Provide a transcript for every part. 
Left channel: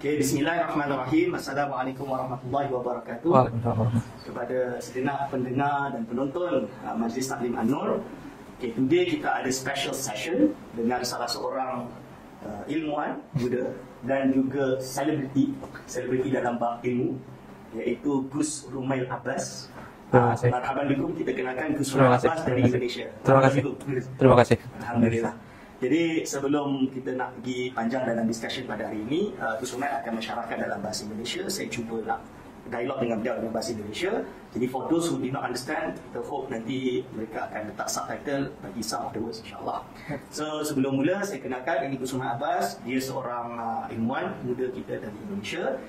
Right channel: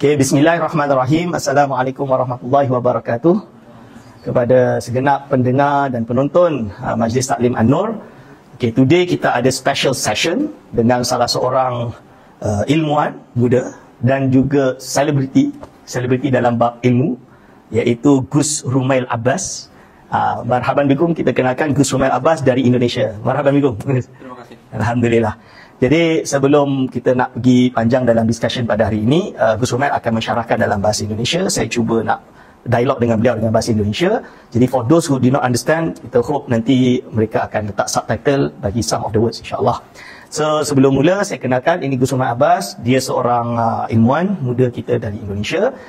Okay, bismillahirrahmanirrahim. Assalamualaikum warahmatullahi wabarakatuh. Kepada segenap pendengar dan penonton Majlis Taklim An-Nur. Okay, today kita ada special session dengan salah seorang ilmuwan muda dan juga selebriti dalam bab ilmu, iaitu Gus Rumail Abbas. Marhaban bikum, kita kenalkan Gus Rumail Abbas dari Indonesia. Marhaban bikum. Terima kasih. Alhamdulillah. Jadi sebelum kita nak pergi panjang dalam discussion pada hari ini, Gus Rumail akan mensyarahkan dalam bahasa Indonesia. Saya cuba nak dialog dengan beliau dengan bahasa Indonesia. Jadi for those who do not understand, kita hope nanti mereka akan letak subtitle bagi some of the words, insyaAllah. So sebelum mula, saya kenalkan, ini Gus Rumail Abbas. Dia seorang ilmuwan muda kita dari Indonesia.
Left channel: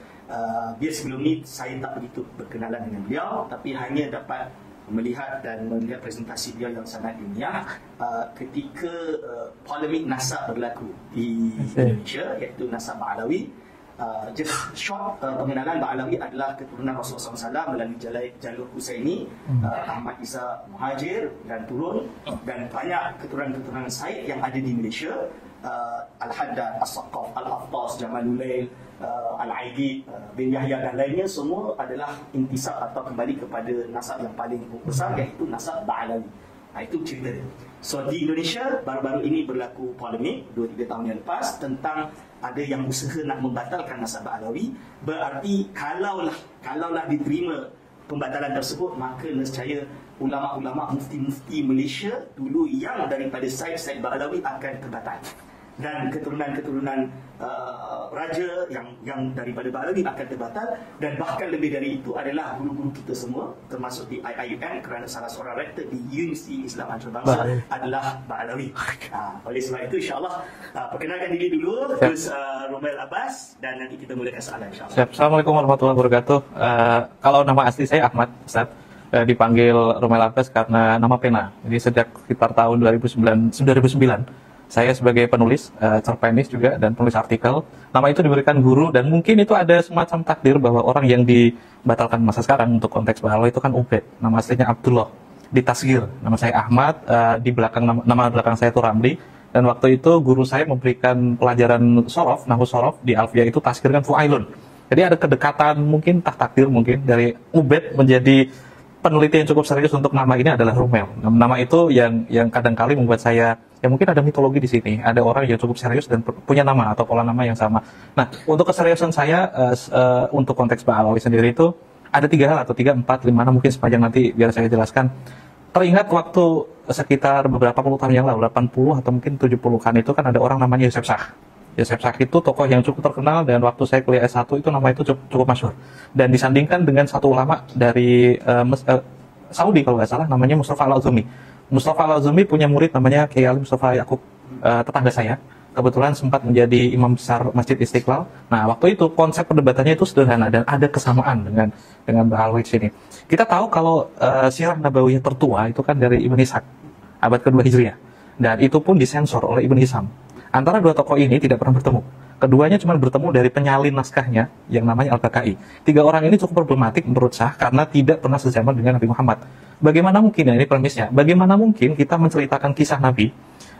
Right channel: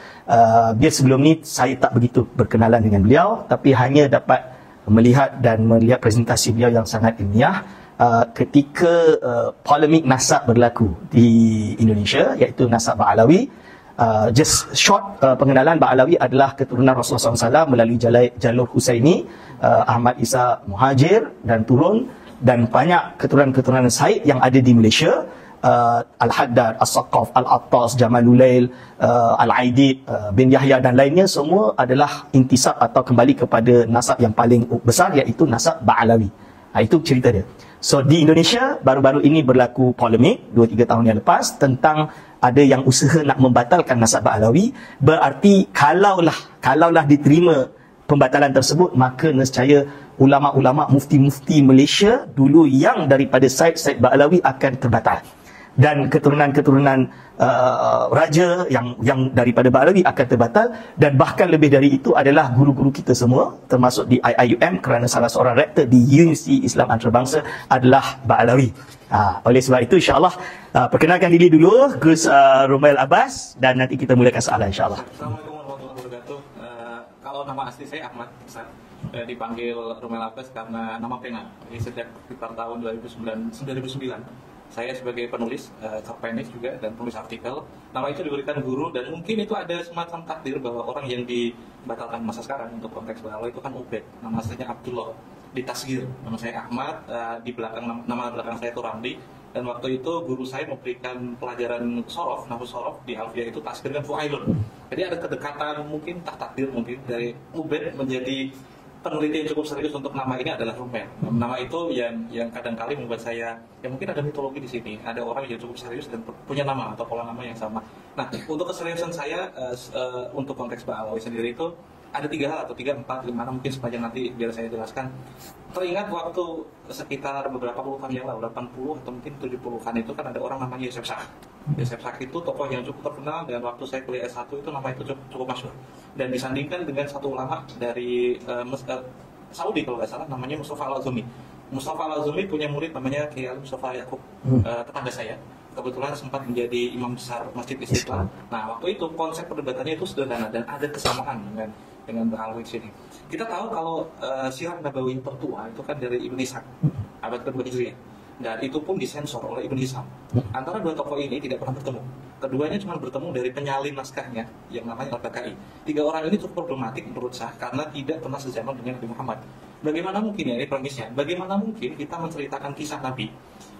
Dia sebelum ni saya tak begitu berkenalan dengan beliau, tapi hanya dapat melihat presentasi beliau yang sangat ilmiah ketika polemik nasab berlaku di Indonesia, iaitu nasab Ba'alawi. Just short pengenalan, Ba'alawi adalah keturunan Rasulullah SAW melalui jalur Husaini, Ahmad Isa Muhajir dan turun, dan banyak keturunan-keturunan Said yang ada di Malaysia. Al-Haddad, As-Saqaf, Al-Attas, Jamalulail, Al-Aidid bin Yahya dan lainnya, semua adalah intisab atau kembali kepada nasab yang paling besar, iaitu nasab Ba'alawi. Itu cerita dia. So di Indonesia baru-baru ini berlaku polemik 2-3 tahun yang lepas tentang ada yang usaha nak membatalkan nasab Ba'alawi. Berarti kalaulah diterima pembatalan tersebut, maka nescaya ulama-ulama, mufti-mufti Malaysia dulu yang daripada Said Ba'alawi akan terbatal, dan keturunan-keturunan raja yang daripada Ba'alawi akan terbatal, dan bahkan lebih dari itu adalah guru-guru kita semua, termasuk di IIUM, kerana salah seorang rektor di Universiti Islam Antarabangsa adalah Ba'alawi. Oleh sebab itu, insyaAllah perkenalkan diri dulu Gus Rumail Abbas, dan nanti kita mulakan soalan, insyaAllah. Assalamualaikum warahmatullahi wabarakatuh. Kalau nama asli saya Ahmad, Ustaz. Dipanggil Rumail Abbas karena nama pena. Jadi sejak sekitar tahun 2009 saya sebagai penulis, cerpenis juga, dan penulis artikel. Nama itu diberikan guru, dan mungkin itu ada semacam takdir bahwa orang yang dibatalkan masa sekarang untuk konteks Ba'alawi itu kan Ubed. Nama aslinya Abdullah. Ditasgir, nama saya Ahmad, di belakang nama belakang saya itu Ramli. Dan waktu itu guru saya memberikan pelajaran sorof, nahwu sorof di Alfiyah, itu tasgir kan Fu'ailun. Jadi ada kedekatan, mungkin takdir mungkin dari Ubed menjadi peneliti yang cukup serius untuk nama ini adalah Rumail. Nama itu yang kadang-kali membuat saya, ya mungkin ada mitologi di sini. Ada orang yang cukup serius dan punya nama atau pola nama yang sama. Nah, untuk keseriusan saya untuk konteks Ba'alawi sendiri itu ada 3 hal atau 3, 4, 5, mungkin sepanjang nanti biar saya jelaskan. Teringat waktu sekitar beberapa puluh tahun yang lalu, 80 atau mungkin 70-an itu kan ada orang namanya Yusuf Shah. Yusuf Shah itu tokoh yang cukup terkenal, dan waktu saya kuliah S1 itu nama itu cukup masyhur. Dan disandingkan dengan satu ulama dari Saudi kalau nggak salah, namanya Mustafa Al-Azumi. Mustafa Al-Azumi punya murid namanya Kiai Ali Mustafa Yaqub, tetangga saya. Kebetulan sempat menjadi imam besar Masjid Istiqlal. Nah, waktu itu konsep perdebatannya itu sederhana dan ada kesamaan dengan Ba'alawi sini. Kita tahu kalau sirah nabawiyah tertua itu kan dari Ibn Ishaq, abad kedua Hijriah. Dan itu pun disensor oleh Ibn Hisham. Antara dua tokoh ini tidak pernah bertemu. Keduanya cuma bertemu dari penyalin naskahnya yang namanya Al-Baqai. 3 orang ini cukup problematik menurut Shah karena tidak pernah sezaman dengan Nabi Muhammad. Bagaimana mungkin, ini premisnya, bagaimana mungkin kita menceritakan kisah Nabi,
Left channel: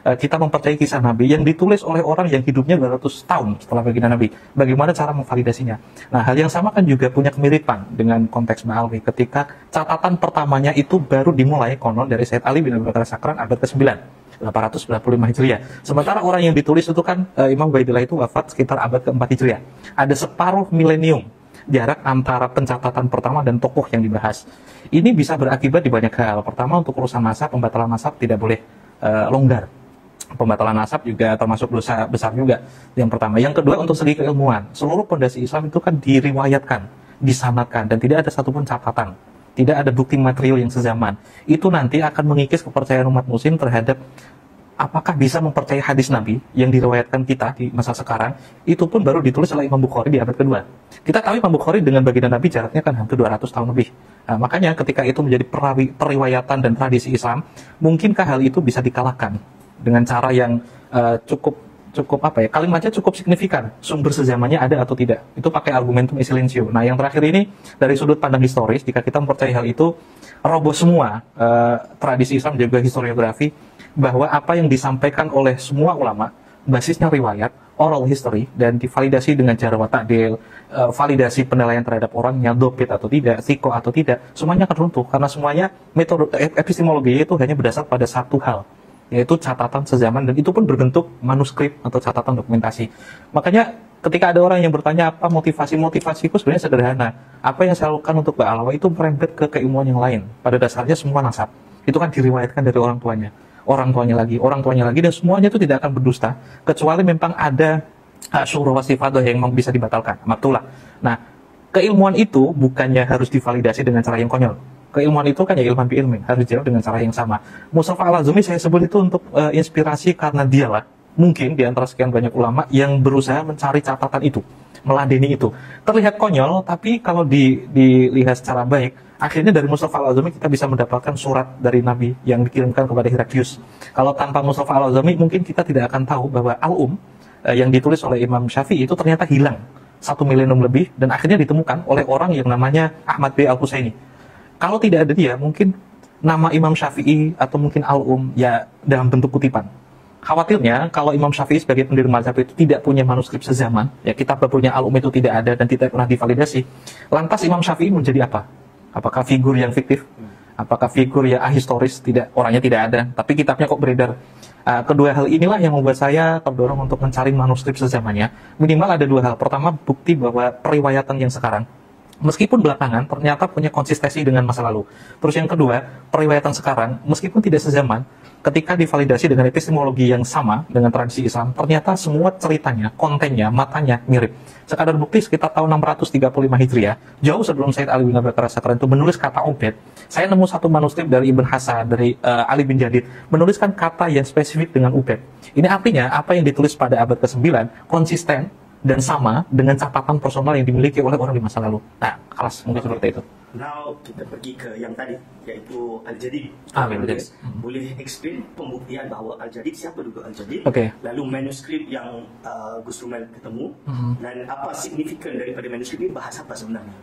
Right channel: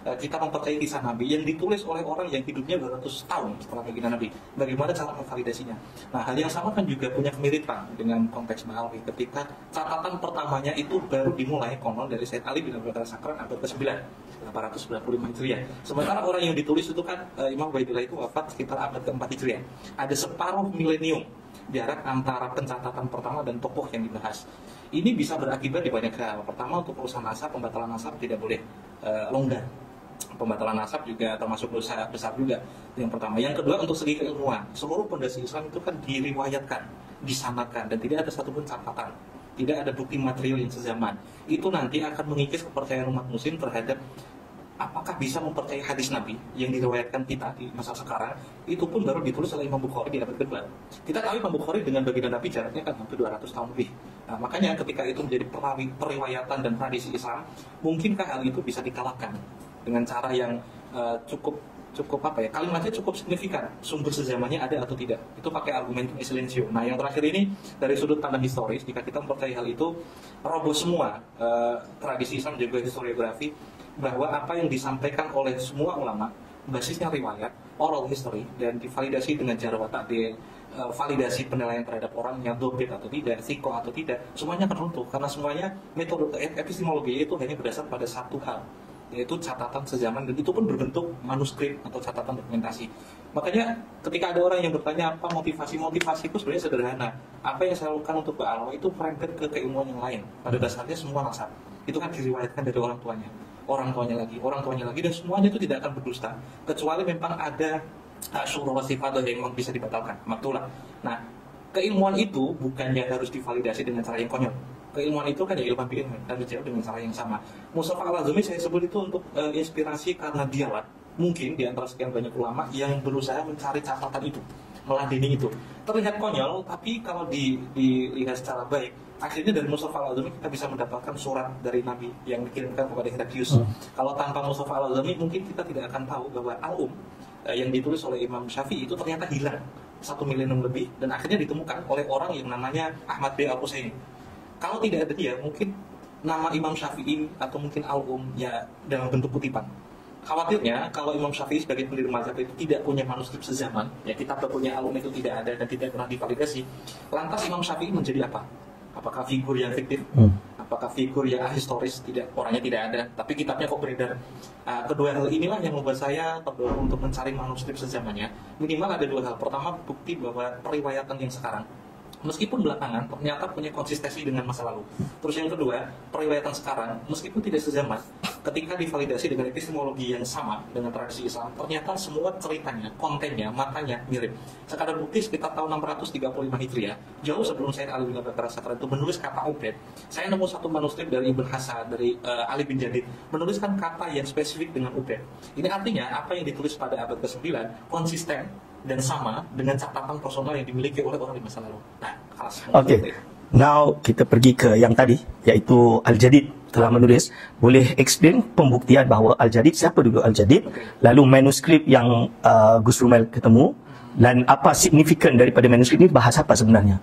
kita mempercayai kisah Nabi yang ditulis oleh orang yang hidupnya 200 tahun setelah baginda Nabi. Bagaimana cara memvalidasinya? Nah, hal yang sama kan juga punya kemiripan dengan konteks Ba'alawi ketika catatan pertamanya itu baru dimulai konon dari Sayyid Ali bin Abi Bakar Sakran abad ke-9. 895 Hijriah. Sementara orang yang ditulis itu kan Imam Ubaidillah itu wafat sekitar abad ke-4 Hijriah. Ada separuh milenium jarak antara pencatatan pertama dan tokoh yang dibahas. Ini bisa berakibat di banyak hal. Pertama, untuk urusan nasab, pembatalan nasab tidak boleh longgar. Pembatalan nasab juga termasuk dosa besar juga. Yang pertama. Yang kedua, untuk segi keilmuan. Seluruh pondasi Islam itu kan diriwayatkan, disanadkan, dan tidak ada satupun catatan. Tidak ada bukti material yang sezaman. Itu nanti akan mengikis kepercayaan umat muslim terhadap apakah bisa mempercayai hadis Nabi yang diriwayatkan kita di masa sekarang. Itu pun baru ditulis oleh Imam Bukhari di abad kedua. Kita tahu Imam Bukhari dengan baginda Nabi jaraknya kan hampir 200 tahun lebih. Nah, makanya ketika itu menjadi periwayatan dan tradisi Islam, mungkinkah hal itu bisa dikalahkan dengan cara yang cukup kalimatnya cukup signifikan, sumber sezamannya ada atau tidak. Itu pakai argumentum e silentio. Nah, yang terakhir ini dari sudut pandang historis, jika kita mempercayai hal itu, roboh semua tradisi Islam juga historiografi, bahwa apa yang disampaikan oleh semua ulama basisnya riwayat, oral history dan divalidasi dengan jarh wa ta'dil, validasi penilaian terhadap orangnya dobit atau tidak, siko atau tidak, semuanya akan runtuh karena semuanya metode epistemologi itu hanya berdasar pada satu hal, yaitu catatan sezaman, dan itu pun berbentuk manuskrip atau catatan dokumentasi. Makanya ketika ada orang yang bertanya apa motivasiku sebenarnya sederhana. Apa yang saya lakukan untuk Mbak Alwa itu merembet ke keilmuan yang lain. Pada dasarnya semua nasab itu kan diriwayatkan dari orang tuanya lagi, dan semuanya itu tidak akan berdusta kecuali memang ada syuhra wasifadah yang memang bisa dibatalkan, maktulah. Nah, keilmuan itu bukannya harus divalidasi dengan cara yang konyol. Keilmuan itu kan ya ilman bi ilmi, harus dijawab dengan cara yang sama. Mustafa Al-Azmi saya sebut itu untuk inspirasi karena dialah mungkin di antara sekian banyak ulama yang berusaha mencari catatan itu, meladeni itu. Terlihat konyol, tapi kalau dilihat secara baik, akhirnya dari Mustafa Al-Azmi kita bisa mendapatkan surat dari Nabi yang dikirimkan kepada Heraklius. Kalau tanpa Mustafa Al-Azmi mungkin kita tidak akan tahu bahwa yang ditulis oleh Imam Syafi'i itu ternyata hilang 1 milenium lebih dan akhirnya ditemukan oleh orang yang namanya Ahmad B. Al-Husaini. Kalau tidak ada dia, mungkin nama Imam Syafi'i atau mungkin ya dalam bentuk kutipan. Khawatirnya kalau Imam Syafi'i sebagai pendiri mazhab itu tidak punya manuskrip sezaman, ya kitab babunya itu tidak ada dan tidak pernah divalidasi. Lantas Imam Syafi'i menjadi apa? Apakah figur yang fiktif? Apakah figur yang ahistoris? Tidak, orangnya tidak ada, tapi kitabnya kok beredar. Kedua hal inilah yang membuat saya terdorong untuk mencari manuskrip sezamannya. Minimal ada dua hal. Pertama, bukti bahwa periwayatan yang sekarang, meskipun belakangan ternyata punya konsistensi dengan masa lalu. Terus yang kedua, periwayatan sekarang meskipun tidak sezaman, ketika divalidasi dengan epistemologi yang sama dengan tradisi Islam, ternyata semua ceritanya, kontennya, matanya mirip. Sekadar bukti sekitar tahun 635 Hijriah, jauh sebelum Said Ali bin Abi Bakar As-Sakran itu menulis kata ubed, saya nemu satu manuskrip dari Ibn Hasan, dari Ali bin Jadid, menuliskan kata yang spesifik dengan ubed. Ini artinya apa yang ditulis pada abad ke-9 konsisten dan sama dengan catatan personal yang dimiliki oleh orang di masa lalu. Nah, kelas seperti itu. Now kita pergi ke yang tadi, yaitu Al-Jadid telah menulis. Boleh explain pembuktian bahawa Al-Jadid, siapa dulu Al-Jadid? Lalu manuskrip yang Gus Rumail ketemu, dan apa signifikan daripada manuskrip ini, bahas apa sebenarnya?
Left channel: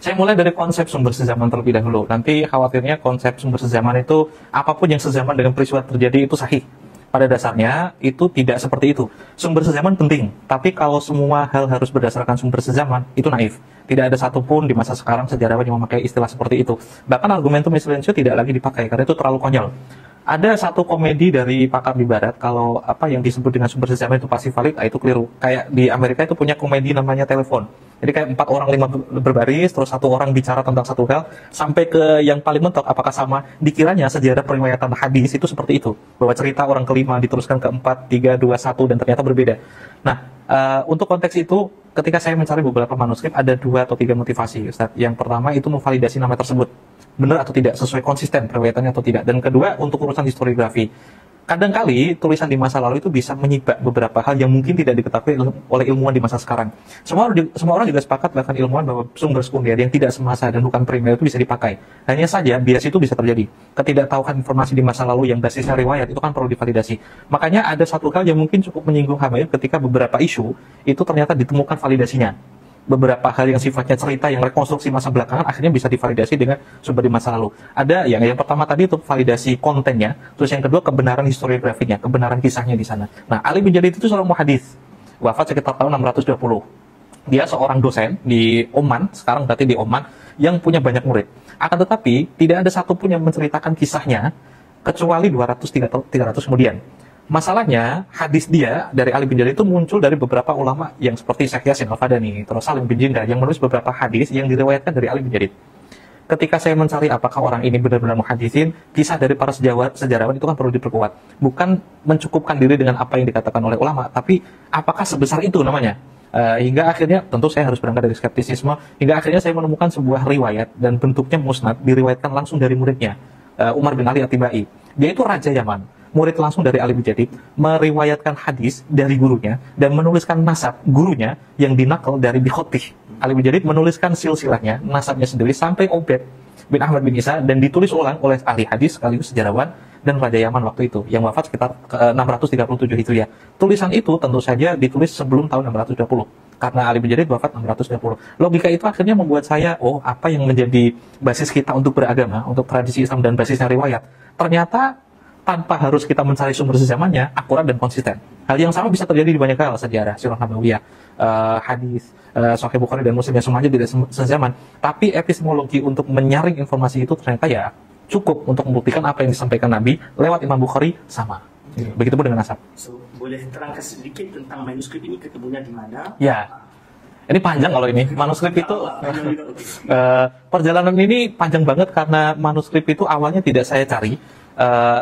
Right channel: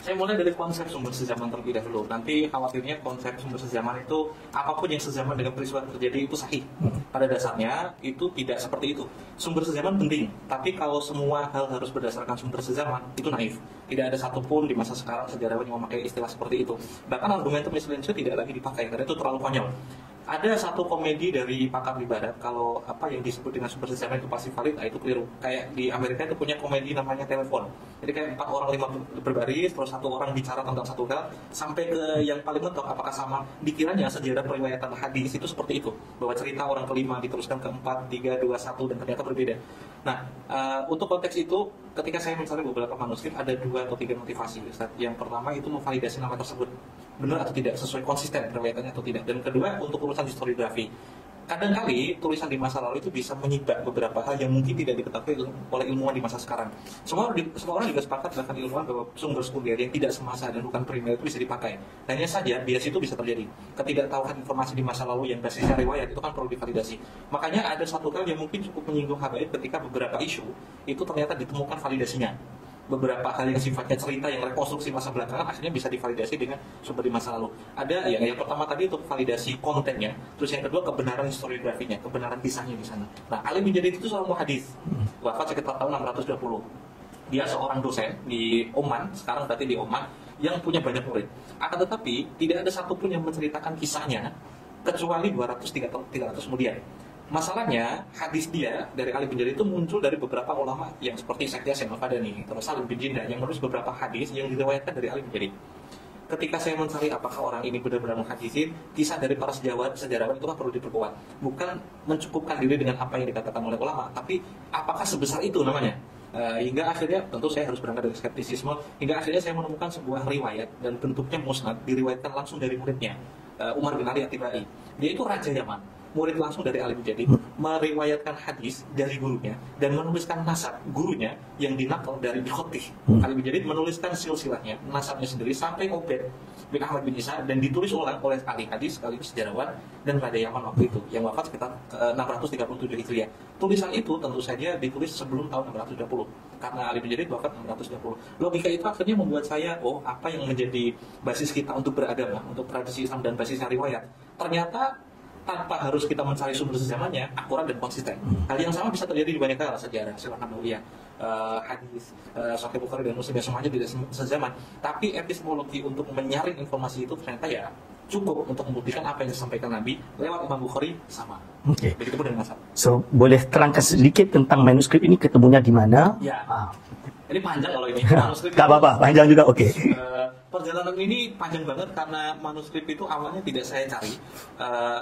Saya mulai dari konsep sumber sezaman terlebih dahulu. Nanti khawatirnya konsep sumber sezaman itu apapun yang sezaman dengan peristiwa terjadi itu sahih. Pada dasarnya itu tidak seperti itu. Sumber sezaman penting, tapi kalau semua hal harus berdasarkan sumber sezaman, itu naif. Tidak ada satupun di masa sekarang sejarawan yang memakai istilah seperti itu. Bahkan argumentum silencio tidak lagi dipakai karena itu terlalu konyol. Ada satu komedi dari pakar di barat, kalau apa yang disebut dengan sumber sezaman itu pasti valid, itu keliru. Kayak di Amerika itu punya komedi namanya telepon. Jadi kayak 4 orang 5 berbaris, terus 1 orang bicara tentang satu hal, sampai ke yang paling mentok apakah sama. Dikiranya sejarah periwayatan hadis itu seperti itu, bahwa cerita orang kelima diteruskan ke 4, 3, 2, 1 dan ternyata berbeda. Nah, untuk konteks itu, ketika saya mencari beberapa manuskrip, ada 2 atau 3 motivasi, Ustaz. Yang pertama itu memvalidasi nama tersebut, benar atau tidak, sesuai konsisten periwayatannya atau tidak. Dan kedua, untuk urusan historiografi. Kadangkali tulisan di masa lalu itu bisa menyibak beberapa hal yang mungkin tidak diketahui oleh ilmuwan di masa sekarang. Semua orang juga sepakat, bahkan ilmuwan, bahwa sumber sekunder yang tidak semasa dan bukan primer itu bisa dipakai. Hanya saja bias itu bisa terjadi. Ketidaktahuan informasi di masa lalu yang basisnya riwayat itu kan perlu divalidasi. Makanya ada satu hal yang mungkin cukup menyinggung habaib ketika beberapa isu itu ternyata ditemukan validasinya. Beberapa hal yang sifatnya cerita yang rekonstruksi masa belakangan akhirnya bisa divalidasi dengan sumber di masa lalu. Ada yang pertama tadi itu validasi kontennya, terus yang kedua kebenaran historiografinya, kebenaran kisahnya di sana. Nah, Ali bin Jadid itu seorang muhadits, wafat sekitar tahun 620. Dia seorang dosen di Oman, sekarang berarti di Oman, yang punya banyak murid. Akan tetapi tidak ada satupun yang menceritakan kisahnya kecuali 200-300 kemudian. Masalahnya, hadis dia dari Ali bin Jadid itu muncul dari beberapa ulama yang seperti Syekh Yasin Al-Fadani, terus Salim bin Jinda yang menulis beberapa hadis yang diriwayatkan dari Ali bin Jadid. Ketika saya mencari apakah orang ini benar-benar muhadisin, kisah dari para sejarawan itu kan perlu diperkuat. Bukan mencukupkan diri dengan apa yang dikatakan oleh ulama, tapi apakah sebesar itu namanya? Hingga akhirnya, tentu saya harus berangkat dari skeptisisme, hingga akhirnya saya menemukan sebuah riwayat dan bentuknya musnad, diriwayatkan langsung dari muridnya, Umar bin Ali At-Tibai. Dia itu Raja Yaman, murid langsung dari Ali bin Jadid, meriwayatkan hadis dari gurunya dan menuliskan nasab gurunya yang dinakal dari Bikhotih. Ali bin Jadid menuliskan silsilahnya, nasabnya sendiri sampai Ubed bin Ahmad bin Isa, dan ditulis ulang oleh ahli hadis sekaligus sejarawan dan Raja Yaman waktu itu yang wafat sekitar 637 Hijriah. Tulisan itu tentu saja ditulis sebelum tahun 620 karena Ali bin Jadid wafat 620. Logika itu akhirnya membuat saya, apa yang menjadi basis kita untuk beragama, untuk tradisi Islam dan basisnya riwayat, ternyata tanpa harus kita mencari sumber sezamannya, akurat dan konsisten. Hal yang sama bisa terjadi di banyak hal, sejarah, sirah nabawiyah, hadis, Sahih Bukhari dan Muslim, ya semuanya tidak sezaman. Tapi epistemologi untuk menyaring informasi itu ternyata ya cukup untuk membuktikan apa yang disampaikan Nabi lewat Imam Bukhari sama. Begitupun dengan nasab. So, boleh terangkan sedikit tentang manuskrip ini ketemunya di mana? Ya. Ini panjang kalau ini manuskrip itu. Apa-apa, panjang juga, oke. Perjalanan ini panjang banget karena manuskrip itu awalnya tidak saya cari,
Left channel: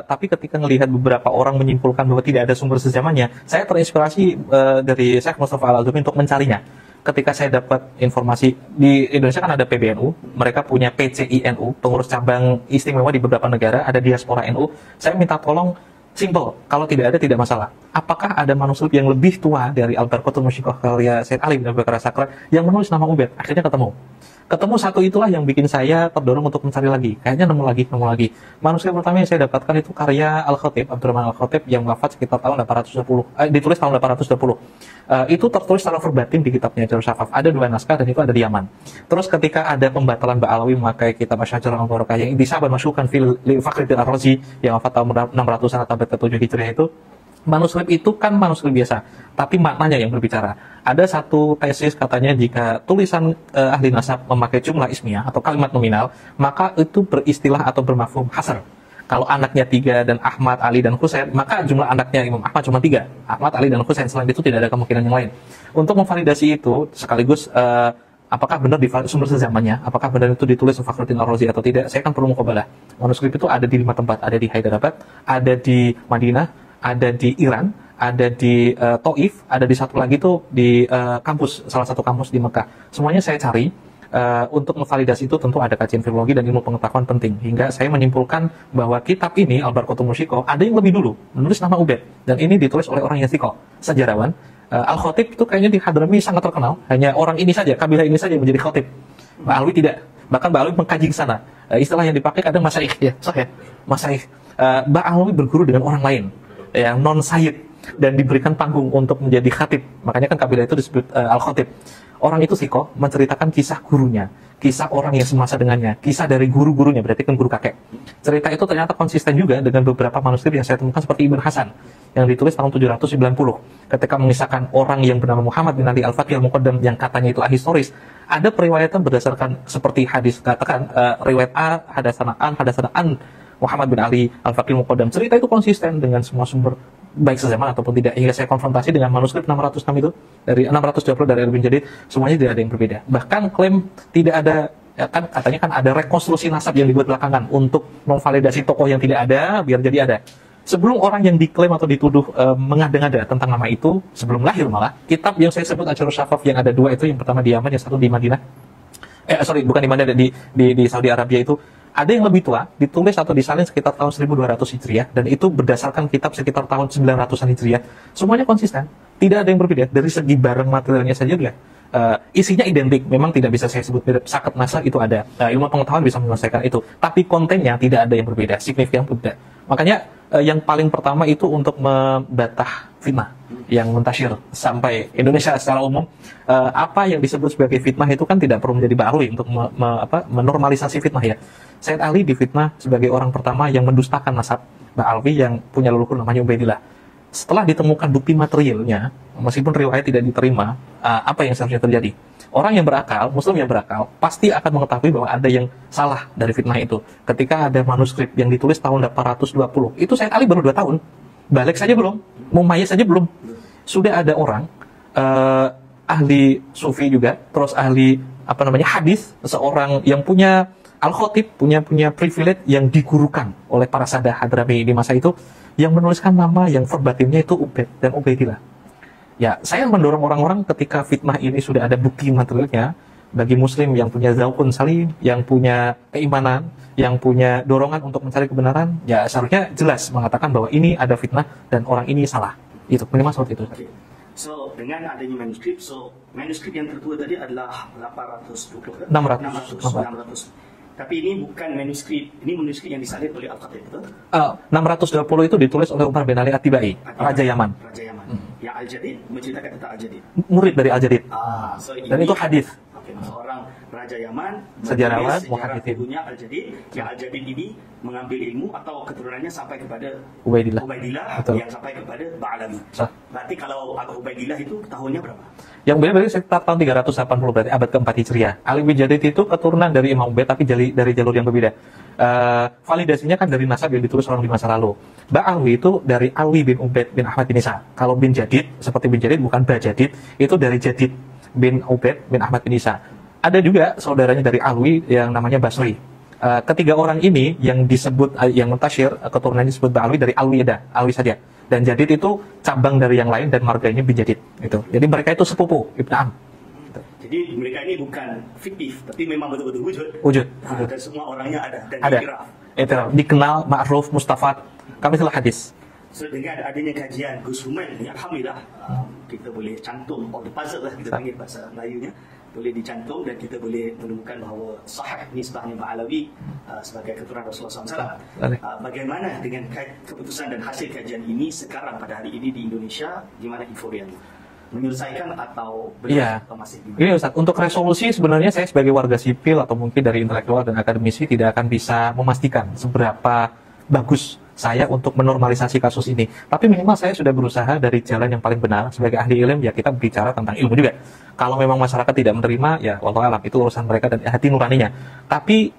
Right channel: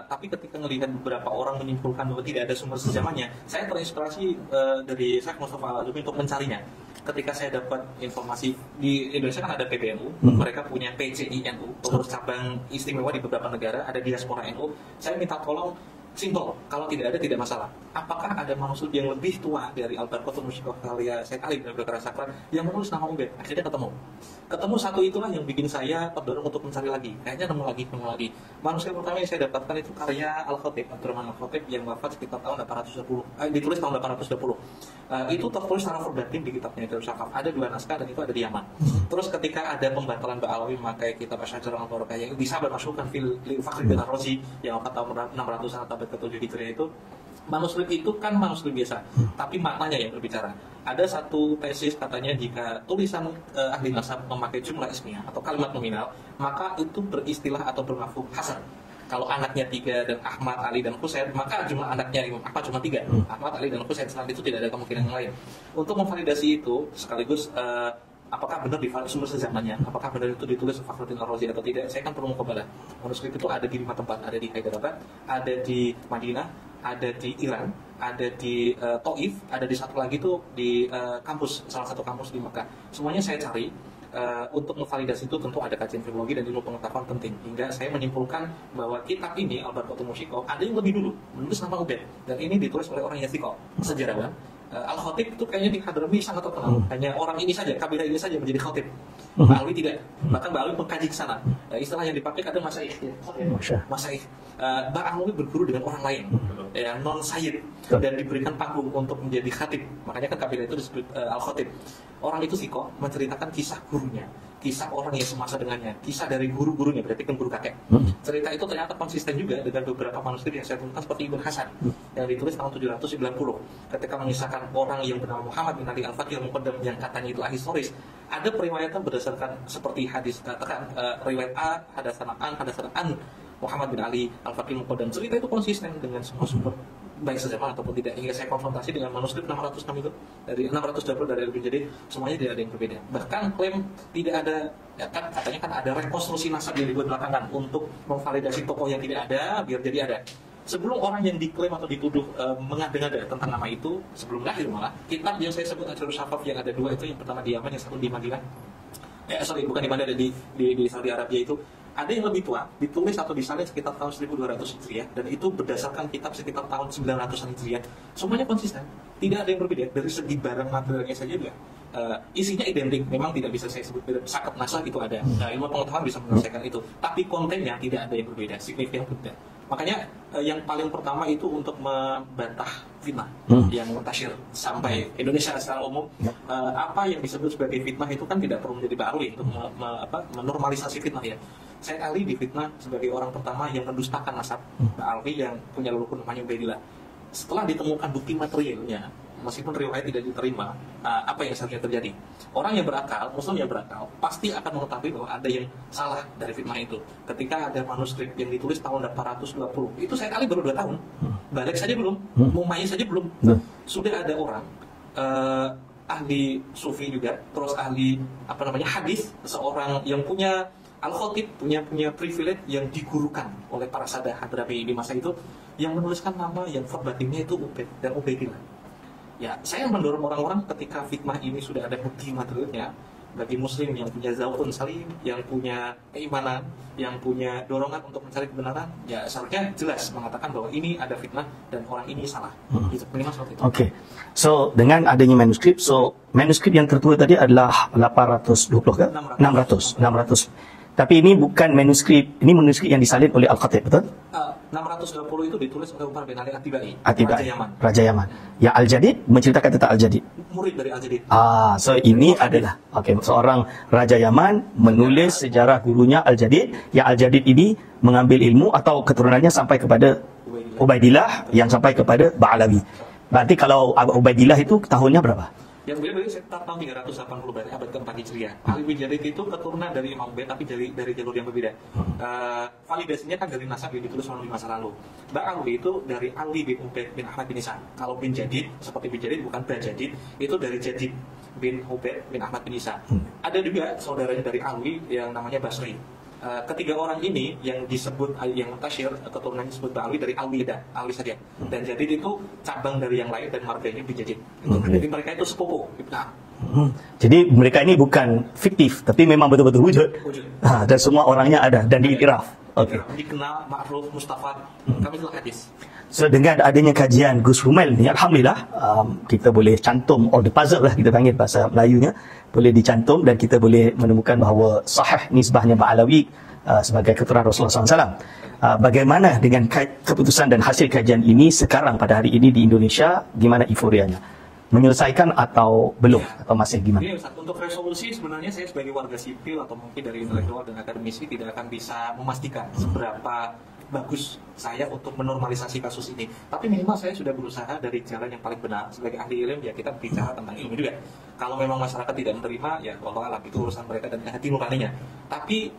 tapi ketika melihat beberapa orang menyimpulkan bahwa tidak ada sumber sezamannya, saya terinspirasi dari Syekh Mustafa Al-Azumi untuk mencarinya. Ketika saya dapat informasi di Indonesia kan ada PBNU, mereka punya PCINU, pengurus cabang istimewa di beberapa negara, ada diaspora NU. Saya minta tolong. Simple, kalau tidak ada tidak masalah. Apakah ada manuskrip yang lebih tua dari Al-Barqatul Musyikoh karya Said Ali bin Abu Bakar As-Sakran yang menulis nama Ubaid? Akhirnya ketemu. Ketemu satu itulah yang bikin saya terdorong untuk mencari lagi. Kayaknya nemu lagi. Manuskrip pertama yang saya dapatkan itu karya Al-Khatib, Abdurrahman Al-Khatib yang wafat sekitar tahun 820, ditulis tahun 820. Itu tertulis secara verbatim di kitabnya Darus Safaf. Ada 2 naskah dan itu ada di Yaman. Terus ketika ada pembatalan Ba'alawi memakai kitab Asy-Syajarah Al-Barakah yang disabad masukkan fil Fakhruddin Ar-Razi yang wafat tahun 600-an atau abad ke-7 Hijriah itu, manuskrip itu kan manuskrip biasa, tapi maknanya yang berbicara. Ada satu tesis katanya jika tulisan ahli nasab memakai jumlah ismiyah atau kalimat nominal, maka itu beristilah atau bermafhum hasr. Kalau anaknya 3 dan Ahmad, Ali, dan Husain, maka jumlah anaknya Imam Ahmad cuma 3. Ahmad, Ali, dan Husain. Selain itu tidak ada kemungkinan yang lain. Untuk memvalidasi itu, sekaligus apakah benar di sumber sezamannya, apakah benar itu ditulis Fakhruddin Ar-Razi atau tidak, saya kan perlu muqabalah. Manuskrip itu ada di 5 tempat, ada di Hyderabad, ada di Madinah, ada di Iran, ada di Taif, ada di satu lagi tuh di kampus, salah satu kampus di Mekah. Semuanya saya cari. Untuk memvalidasi itu tentu ada kajian filologi dan ilmu pengetahuan penting. Hingga saya menyimpulkan bahwa kitab ini, Al-Barqatul Musyikoh, ada yang lebih dulu, menulis nama Ubaid. Dan ini ditulis oleh orang yang thiqah, sejarawan. Al-Khatib itu kayaknya di Hadrami sangat terkenal. Hanya orang ini saja, kabilah ini saja yang menjadi khatib. Mbak Alwi tidak. Bahkan Mbak Alwi mengkaji ke sana. Istilah yang dipakai kadang masaih. Ya, masaih. Mbak Alwi berguru dengan orang lain, yang non-sayyid, dan diberikan panggung untuk menjadi khatib. Makanya kan kabilah itu disebut Al-Khatib. Orang itu sikoh menceritakan kisah gurunya, kisah orang yang semasa dengannya, kisah dari guru-gurunya, berarti kan guru kakek. Cerita itu ternyata konsisten juga dengan beberapa manuskrip yang saya temukan seperti Ibn Hasan, yang ditulis tahun 790. Ketika mengisahkan orang yang bernama Muhammad bin Ali Al-Faqih Al-Muqaddam yang katanya itu ahistoris, ada periwayatan berdasarkan seperti hadis katakan, riwayat A, hadatsana an, Muhammad bin Ali Al-Faqih Al-Muqaddam. Cerita itu konsisten dengan semua sumber, baik sezaman ataupun tidak, hingga saya konfrontasi dengan manuskrip 606 itu dari 620 dari Al-Bin Jadid, semuanya tidak ada yang berbeda. Bahkan klaim tidak ada, ya kan katanya kan ada rekonstruksi nasab yang dibuat belakangan untuk memvalidasi tokoh yang tidak ada biar jadi ada. Sebelum orang yang diklaim atau dituduh mengada-ngada tentang nama itu, sebelum lahir malah, kitab yang saya sebut Asy-Syajarah Safaf yang ada 2 itu, yang pertama di Yaman, yang satu di Madinah. Bukan di Madinah, di Saudi Arabia itu. Ada yang lebih tua, ditulis atau disalin sekitar tahun 1200 Hijriah, dan itu berdasarkan kitab sekitar tahun 900-an Hijriah. Semuanya konsisten, tidak ada yang berbeda. Dari segi barang materialnya saja juga, isinya identik. Memang tidak bisa saya sebut mirip, sakat nasa itu ada. Ilmu pengetahuan bisa menyelesaikan itu. Tapi kontennya tidak ada yang berbeda, signifikan pun tidak. Makanya yang paling pertama itu untuk membatah fitnah yang muntasyir sampai Indonesia secara umum. Apa yang disebut sebagai fitnah itu kan tidak perlu menjadi baru untuk menormalisasi fitnah ya. Said Ali difitnah sebagai orang pertama yang mendustakan nasab Mbak Alwi yang punya leluhur namanya Ubaidillah. Setelah ditemukan bukti materialnya, meskipun riwayat tidak diterima, apa yang seharusnya terjadi? Orang yang berakal, Muslim yang berakal, pasti akan mengetahui bahwa ada yang salah dari fitnah itu. Ketika ada manuskrip yang ditulis tahun 820, itu Said Ali baru 2 tahun. Balik saja belum, mumayyiz saja belum. Sudah ada orang, ahli sufi juga, terus ahli hadis, seorang yang punya Al-Khatib, punya privilege yang digurukan oleh para sadah Hadrami di masa itu, yang menuliskan nama yang verbatimnya itu Ubaid dan Ubaidillah. Ya, saya mendorong orang-orang ketika fitnah ini sudah ada bukti materialnya, bagi Muslim yang punya zaukun salim, yang punya keimanan, yang punya dorongan untuk mencari kebenaran, ya seharusnya jelas mengatakan bahwa ini ada fitnah dan orang ini salah. Itu minimal seperti itu. Oke. So, dengan adanya manuskrip, manuskrip yang tertua tadi adalah 820 kan? 600. Tapi ini bukan manuskrip, ini manuskrip yang disalin oleh Al-Khatib, betul? 620 itu ditulis oleh Umar bin Ali At-Tibai, At-Tibai, Raja Yaman. Raja Yaman. Ya Al-Jadid menceritakan tentang Al-Jadid. Murid dari Al-Jadid. So Dan ini itu hadis. adalah seorang Raja Yaman menulis sejarah gurunya Al-Jadid. Yang Al-Jadid ini mengambil ilmu atau keturunannya sampai kepada Ubaidillah yang sampai kepada Ba'alawi. Berarti kalau Ubaidillah itu tahunnya berapa? Yang beliau berarti sekitar tahun 380, berarti abad ke-4 Hijriah. Ali bin Jadid itu keturunan dari Imam Ubaid tapi dari jalur yang berbeda. Validasinya kan dari nasab yang ditulis orang di masa lalu. Ba'alwi itu dari Alwi bin Ubaid bin Ahmad bin Isa. Kalau bin Jadid, seperti bin Jadid bukan Ba'jadid, itu dari Jadid bin Ubaid bin Ahmad bin Isa. Ada juga saudaranya dari Alwi yang namanya Basri. Ketiga orang ini yang disebut, yang mentasyir keturunannya disebut Ba'alwi dari Alwi saja. Dan Jadid itu cabang dari yang lain dan marganya bin Jadid. Gitu. Jadi mereka itu sepupu Ibn Am. Jadi mereka ini bukan fiktif, tapi memang betul-betul wujud. Dan semua orangnya ada dan diiktiraf. Dikenal, ma'ruf, mustafad. Kami telah hadis. So dengan adanya kajian Gus Rumail ni, alhamdulillah kita boleh cantum all the puzzle lah, kita panggil bahasa Melayunya, boleh dicantum dan kita boleh menemukan bahawa sahih nisbahnya Ba'alawi sebagai keturunan Rasulullah SAW. Bagaimana dengan keputusan dan hasil kajian ini sekarang pada hari ini di Indonesia, gimana euforianya? Menyelesaikan atau belum? Atau masih gimana? Gini Ustaz, untuk resolusi sebenarnya saya sebagai warga sipil atau mungkin dari intelektual dan akademisi tidak akan bisa memastikan seberapa bagus saya untuk menormalisasi kasus ini. Tapi minimal saya sudah berusaha dari jalan yang paling benar. Sebagai ahli ilmu, ya kita bicara tentang ilmu juga. Kalau memang masyarakat tidak menerima, ya wallahu a'lam, itu urusan mereka dan hati nuraninya. Tapi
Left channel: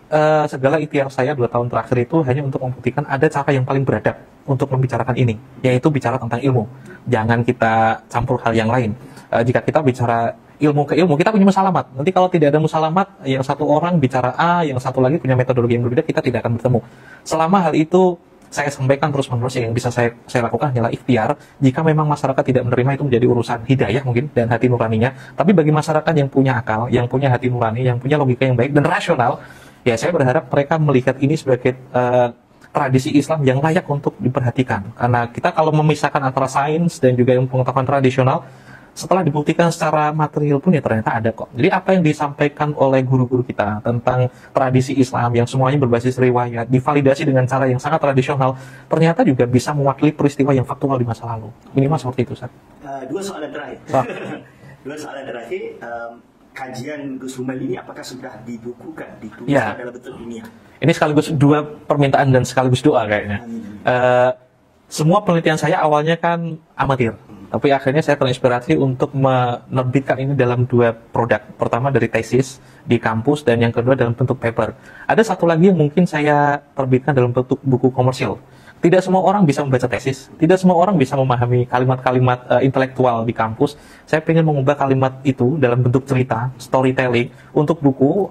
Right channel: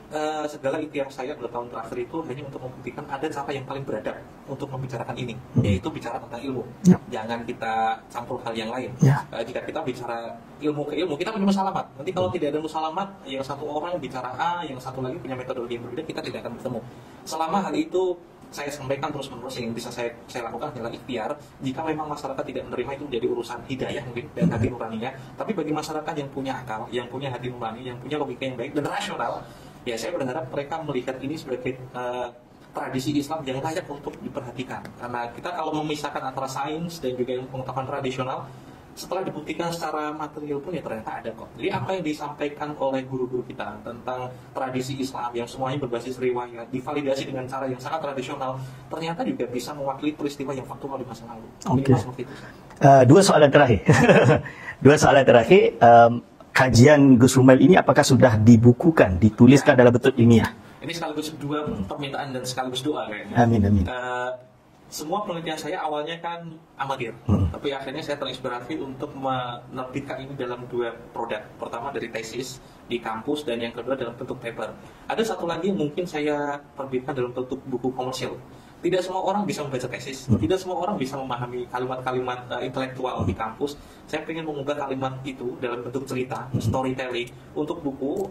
segala ikhtiar saya 2 tahun terakhir itu hanya untuk membuktikan ada cara yang paling beradab untuk membicarakan ini, yaitu bicara tentang ilmu. Jangan kita campur hal yang lain. Jika kita bicara ilmu ke ilmu, kita punya musalamat. Nanti kalau tidak ada musalamat, yang satu orang bicara A, yang satu lagi punya metodologi yang berbeda, kita tidak akan bertemu. Selama hal itu saya sampaikan terus-menerus, yang bisa saya lakukan hanyalah ikhtiar. Jika memang masyarakat tidak menerima, itu menjadi urusan hidayah mungkin dan hati nuraninya. Tapi bagi masyarakat yang punya akal, yang punya hati nurani, yang punya logika yang baik dan rasional, ya saya berharap mereka melihat ini sebagai tradisi Islam yang layak untuk diperhatikan. Karena kita kalau memisahkan antara sains dan juga ilmu pengetahuan tradisional, setelah dibuktikan secara material pun ya ternyata ada kok. Jadi apa yang disampaikan oleh guru-guru kita tentang tradisi Islam yang semuanya berbasis riwayat, divalidasi dengan cara yang sangat tradisional, ternyata juga bisa mewakili peristiwa yang faktual di masa lalu. Minimal seperti itu, Ustaz. 2 soalan terakhir. 2 soalan terakhir. Kajian Gus Rumail ini apakah sudah dibukukan, dituliskan dalam bentuk ilmiah? Ini sekaligus 2 permintaan dan sekaligus doa kayaknya. Amin. Semua penelitian saya awalnya kan amatir, tapi akhirnya saya terinspirasi untuk menerbitkan ini dalam 2 produk. Pertama dari tesis di kampus dan yang kedua dalam bentuk paper. Ada satu lagi yang mungkin saya terbitkan dalam bentuk buku komersial. Tidak semua orang bisa membaca tesis, tidak semua orang bisa memahami kalimat-kalimat intelektual di kampus. Saya ingin mengubah kalimat itu dalam bentuk cerita, storytelling. Untuk buku,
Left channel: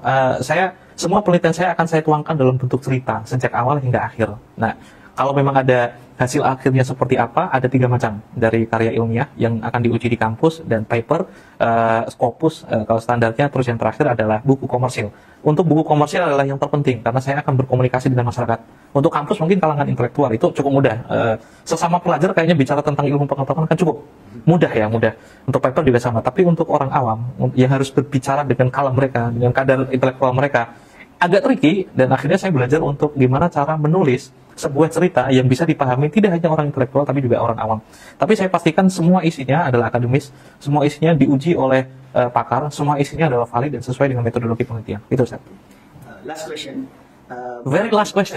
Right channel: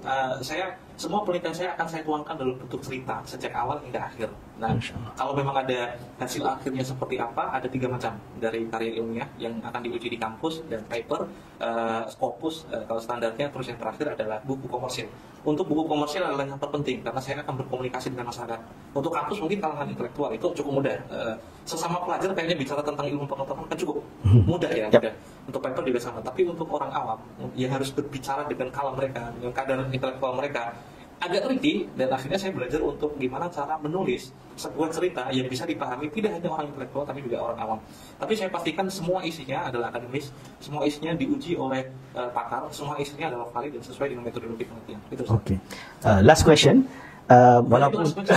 semua penelitian saya akan saya tuangkan dalam bentuk cerita, sejak awal hingga akhir. Nah, kalau memang ada hasil akhirnya seperti apa, ada 3 macam dari karya ilmiah yang akan diuji di kampus, dan paper, Scopus, kalau standarnya, terus yang terakhir adalah buku komersil. Untuk buku komersil adalah yang terpenting, karena saya akan berkomunikasi dengan masyarakat. Untuk kampus mungkin kalangan intelektual itu cukup mudah. Sesama pelajar kayaknya bicara tentang ilmu pengetahuan kan cukup mudah ya, mudah. Untuk paper juga sama, tapi untuk orang awam yang harus berbicara dengan kalam mereka, dengan kadar intelektual mereka, agak tricky. Dan akhirnya saya belajar untuk gimana cara menulis sebuah cerita yang bisa dipahami tidak hanya orang intelektual tapi juga orang awam. Tapi saya pastikan semua isinya adalah akademis, semua isinya diuji oleh pakar, semua isinya adalah valid dan sesuai dengan metodologi penelitian. Itu saja. Last question. Very last question.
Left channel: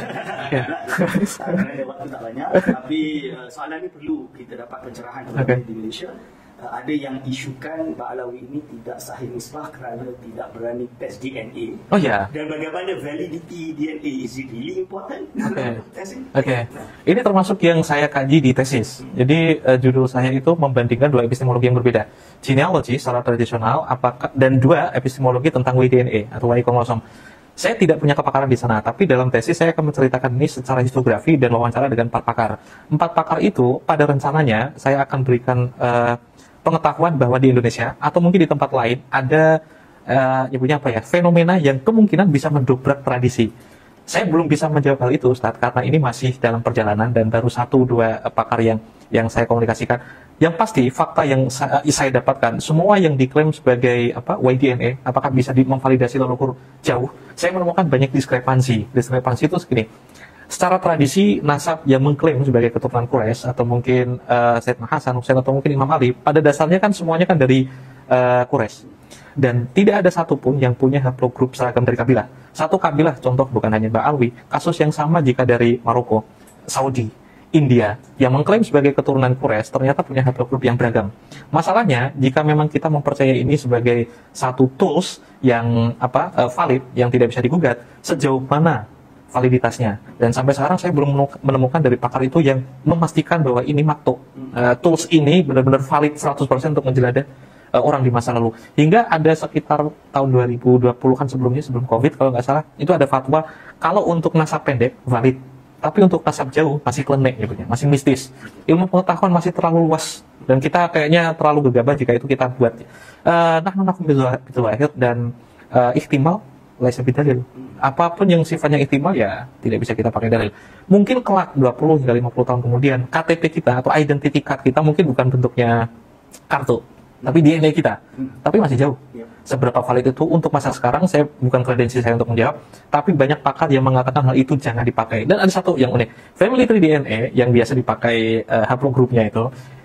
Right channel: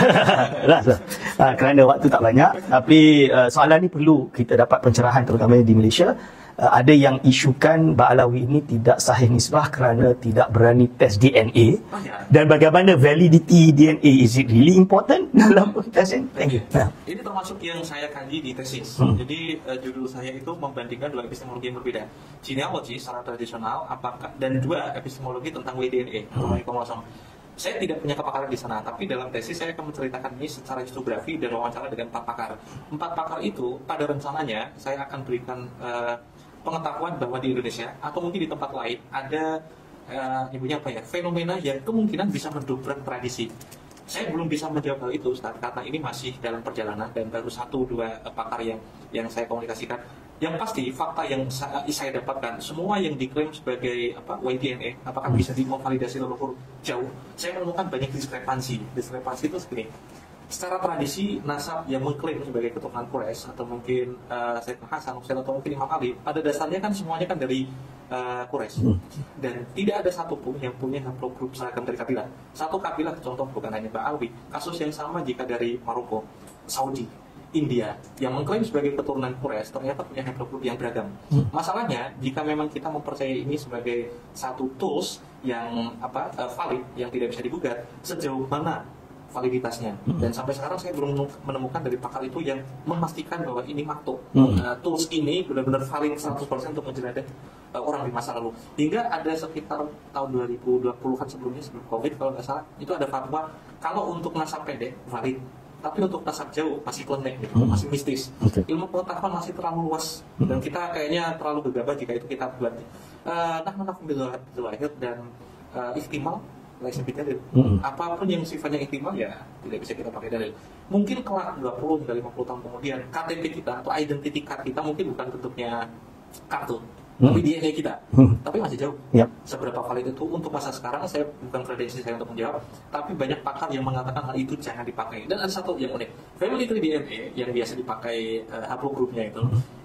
Kerana waktu tak banyak, tapi soalan ni perlu kita dapat pencerahan, terutama di Malaysia. Ada yang isukan Ba'alawi ini tidak sahih nisbah kerana tidak berani tes DNA. Oh ya. Dan bagaimana validity DNA? Is it really important dalam testing? Ini termasuk yang saya kaji di tesis. Jadi judul saya itu membandingkan 2 epistemologi yang berbeda. Genealogy secara tradisional, dan 2 epistemologi tentang Y-DNA atau Y-kromosom. Saya tidak punya kepakaran di sana, tapi dalam tesis saya akan menceritakan ini secara histografi dan wawancara dengan 4 pakar. 4 pakar itu pada rencananya saya akan berikan pengetahuan bahwa di Indonesia atau mungkin di tempat lain ada fenomena yang kemungkinan bisa mendobrak tradisi. Saya belum bisa menjawab hal itu, Ustaz, karena ini masih dalam perjalanan dan baru 1-2 pakar yang saya komunikasikan. Yang pasti fakta yang saya dapatkan, semua yang diklaim sebagai YDNA, apakah bisa memvalidasi leluhur jauh? Saya menemukan banyak diskrepansi. Diskrepansi itu segini. Secara tradisi, nasab yang mengklaim sebagai keturunan Quraisy atau mungkin Sayyidina Hasan, Husain atau mungkin Imam Ali, pada dasarnya kan semuanya kan dari Quraisy. Dan tidak ada satupun yang punya haplogrup seragam dari kabilah. Satu kabilah, contoh bukan hanya Mbak Alwi, kasus yang sama jika dari Maroko, Saudi, India yang mengklaim sebagai keturunan Quraisy ternyata punya haplogrup yang beragam. Masalahnya jika memang kita mempercayai ini sebagai satu tools yang valid, yang tidak bisa digugat, sejauh mana validitasnya? Dan sampai sekarang saya belum menemukan dari pakar itu yang memastikan bahwa ini makto. Tools ini benar-benar valid 100% untuk menjelajah orang di masa lalu. Hingga ada sekitar tahun 2020-an sebelumnya, sebelum COVID kalau nggak salah, itu ada fatwa kalau untuk nasab pendek valid, tapi untuk nasab jauh masih klenek gitu, masih mistis. Ilmu pengetahuan masih terlalu luas dan kita kayaknya terlalu gegabah jika itu kita buat. Nahnu nakum bil wahid dan ihtimal laisa bidalil. Apapun yang sifatnya ihtimal ya tidak bisa kita pakai dalil. Mungkin kelak 20 hingga 50 tahun kemudian KTP kita atau identity card kita mungkin bukan bentuknya kartu, tapi DNA kita, tapi masih jauh. Seberapa valid itu untuk masa sekarang, saya bukan kredensi saya untuk menjawab, tapi banyak pakar yang mengatakan hal itu jangan dipakai. Dan ada satu yang unik, family tree DNA yang biasa dipakai haplogrupnya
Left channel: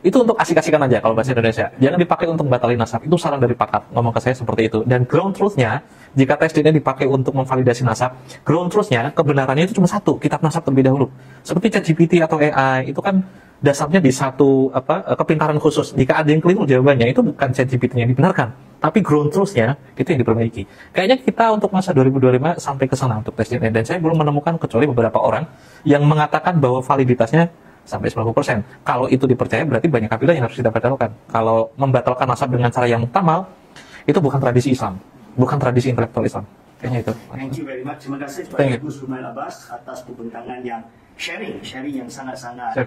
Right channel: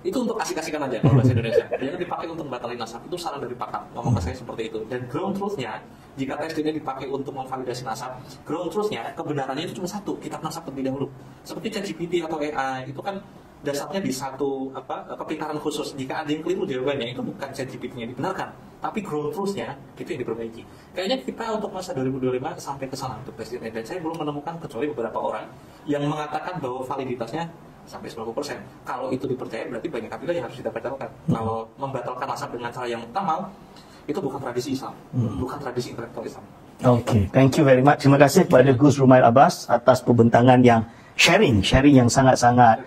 itu untuk asik-asikan aja kalau bahasa Indonesia. Jangan dipakai untuk batalin nasab, itu saran dari pakar, ngomong ke saya seperti itu. Dan ground truth-nya, jika tes DNA dipakai untuk memvalidasi nasab, ground truth-nya, kebenarannya itu cuma satu, kitab nasab terlebih dahulu. Seperti ChatGPT atau AI, itu kan dasarnya di satu kepintaran khusus. Jika ada yang keliru jawabannya, itu bukan ChatGPT yang dibenarkan, tapi ground truth-nya itu yang diperbaiki. Kayaknya kita untuk masa 2025 sampai ke sana untuk tes DNA, dan saya belum menemukan kecuali beberapa orang yang mengatakan bahwa validitasnya sampai 90%. Kalau itu dipercaya berarti banyak kabilah yang harus kita batalkan. Kalau membatalkan nasab dengan cara yang muktamal, itu bukan tradisi Islam, bukan tradisi intelektual Islam. Okay. Thank you very much. Terima kasih kepada Gus Rumail Abbas atas pembentangan yang sharing yang sangat-sangat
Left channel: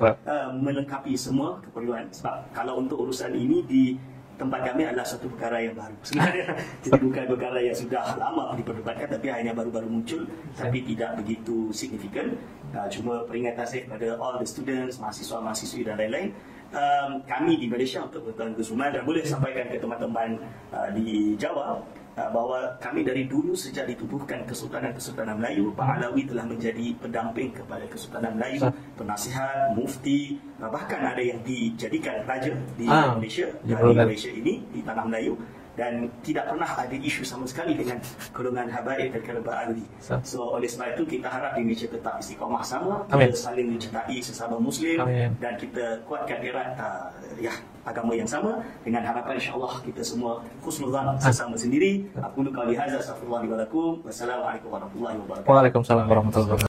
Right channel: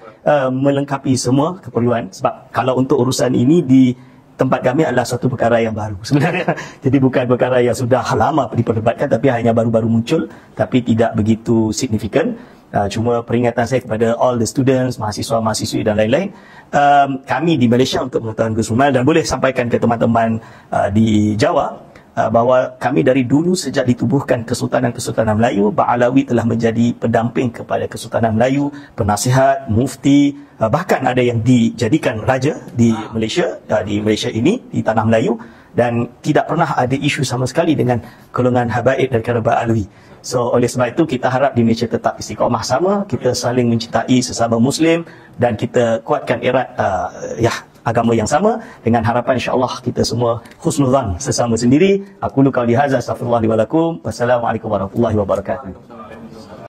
melengkapi semua keperluan. Sebab kalau untuk urusan ini di tempat kami adalah satu perkara yang baru sebenarnya. Jadi bukan perkara yang sudah lama diperdebatkan, tapi hanya baru-baru muncul, tapi tidak begitu signifikan. Cuma peringatan saya kepada all the students, mahasiswa-mahasiswi dan lain-lain, kami di Malaysia untuk pengetahuan Gus Rumail, dan boleh sampaikan ke teman-teman di Jawa, bahawa kami dari dulu sejak ditubuhkan Kesultanan Melayu, Ba'alawi telah menjadi pendamping kepada Kesultanan Melayu, penasihat, mufti, bahkan ada yang dijadikan raja di Malaysia, di Malaysia ini, di Tanah Melayu, dan tidak pernah ada isu sama sekali dengan golongan habaib dan kerabat Alwi. So oleh sebab itu kita harap di Malaysia tetap istiqamah sama, kita saling mencintai sesama Muslim, dan kita kuatkan erat agama yang sama, dengan harapan insya-Allah kita semua husnuzan sesama sendiri. Aku qauli hadza, astaghfirullah li wa lakum. Wassalamualaikum warahmatullahi wabarakatuh. Waalaikumsalam warahmatullahi wabarakatuh.